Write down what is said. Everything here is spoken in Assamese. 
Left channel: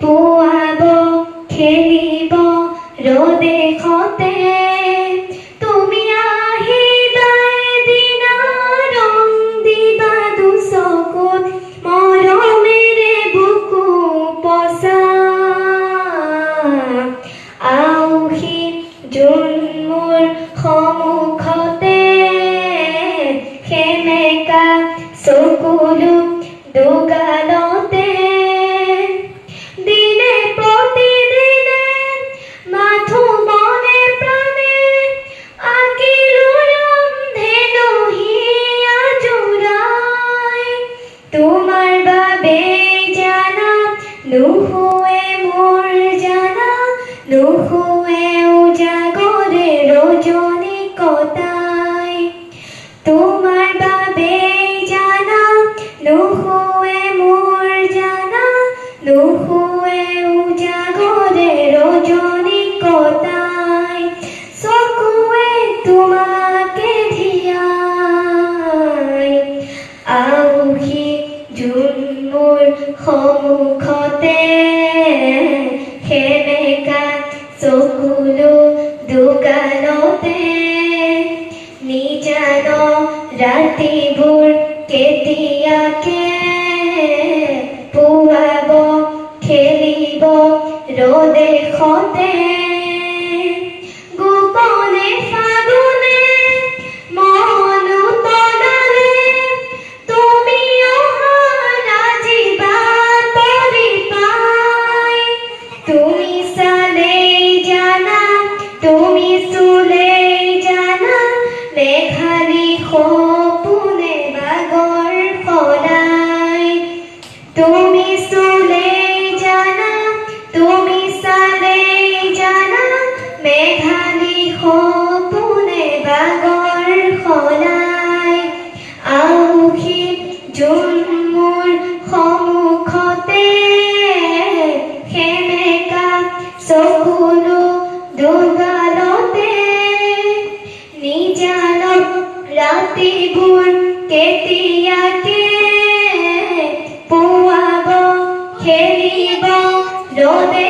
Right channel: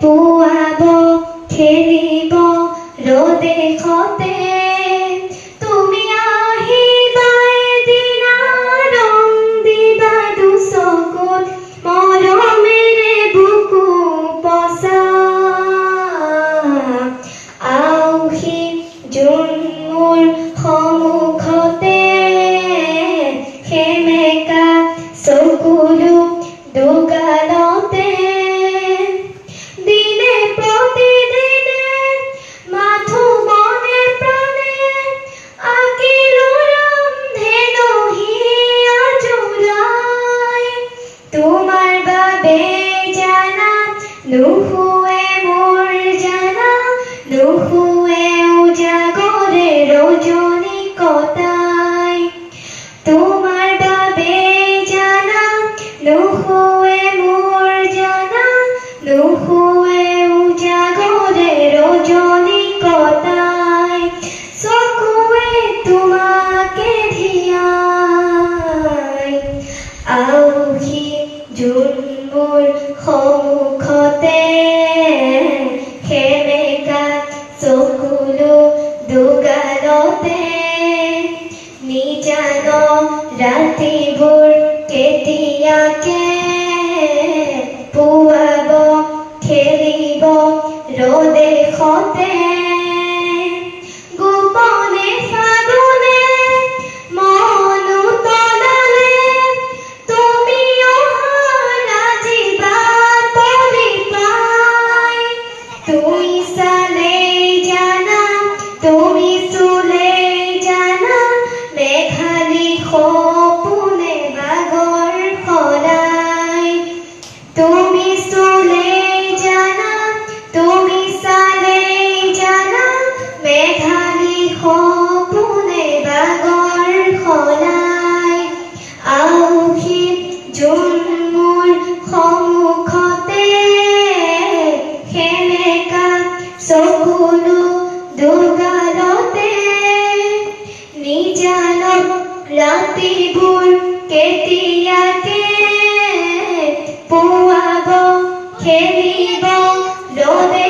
পুৱাব খেলিব ৰ'দে খতে তুমি আহিবা এদিনা ৰং দিবা দুচকুত মৰমেৰে বুকু পচা আউহি জোন মোৰ সন্মুখতে সেমেকা চকুলো দুগালতে দিনে প্ৰতিদিনে মাথো মনে প্ৰাণে আঁকিলো ৰন্ধেনো হিয়া জোৰাই তোমাৰ বাবে জানা নুশুৱে মোৰ জানা নুশুৱে উজাগৰে ৰজনী কটাই তোমাৰ বাবে জানা নুশুৱে মোৰ জানা নুশুৱে উজাগৰে ৰজনী কটাই চকুৱে তোমাকে ধিয়াই আউহি জোন মোৰ সন্মুখতে সেমেকা চকুলো দুগালতে নিজান ৰাতিবোৰ কেতিয়াকে পুৱাব খেলিব ৰ'দে খতে গোপনে ফাগুনে মনো তলালে তুমি অহাৰ আজি বাট পৰি পাই তুমি চালেই জানা তুমি চুলেই জানা মেঘালী সপোনে বাগৰ সদায় তুমি চুলেই জানা তুমি চালেই জানা মেঘালী সপোনে বাগৰ সদায় আউহি জোন মোৰ সন্মুখতে সেমেকা চকুলো দুগালতে নিজান ৰাতিবোৰ কেতিয়াকে পুৱাব খেলিব ৰ'দে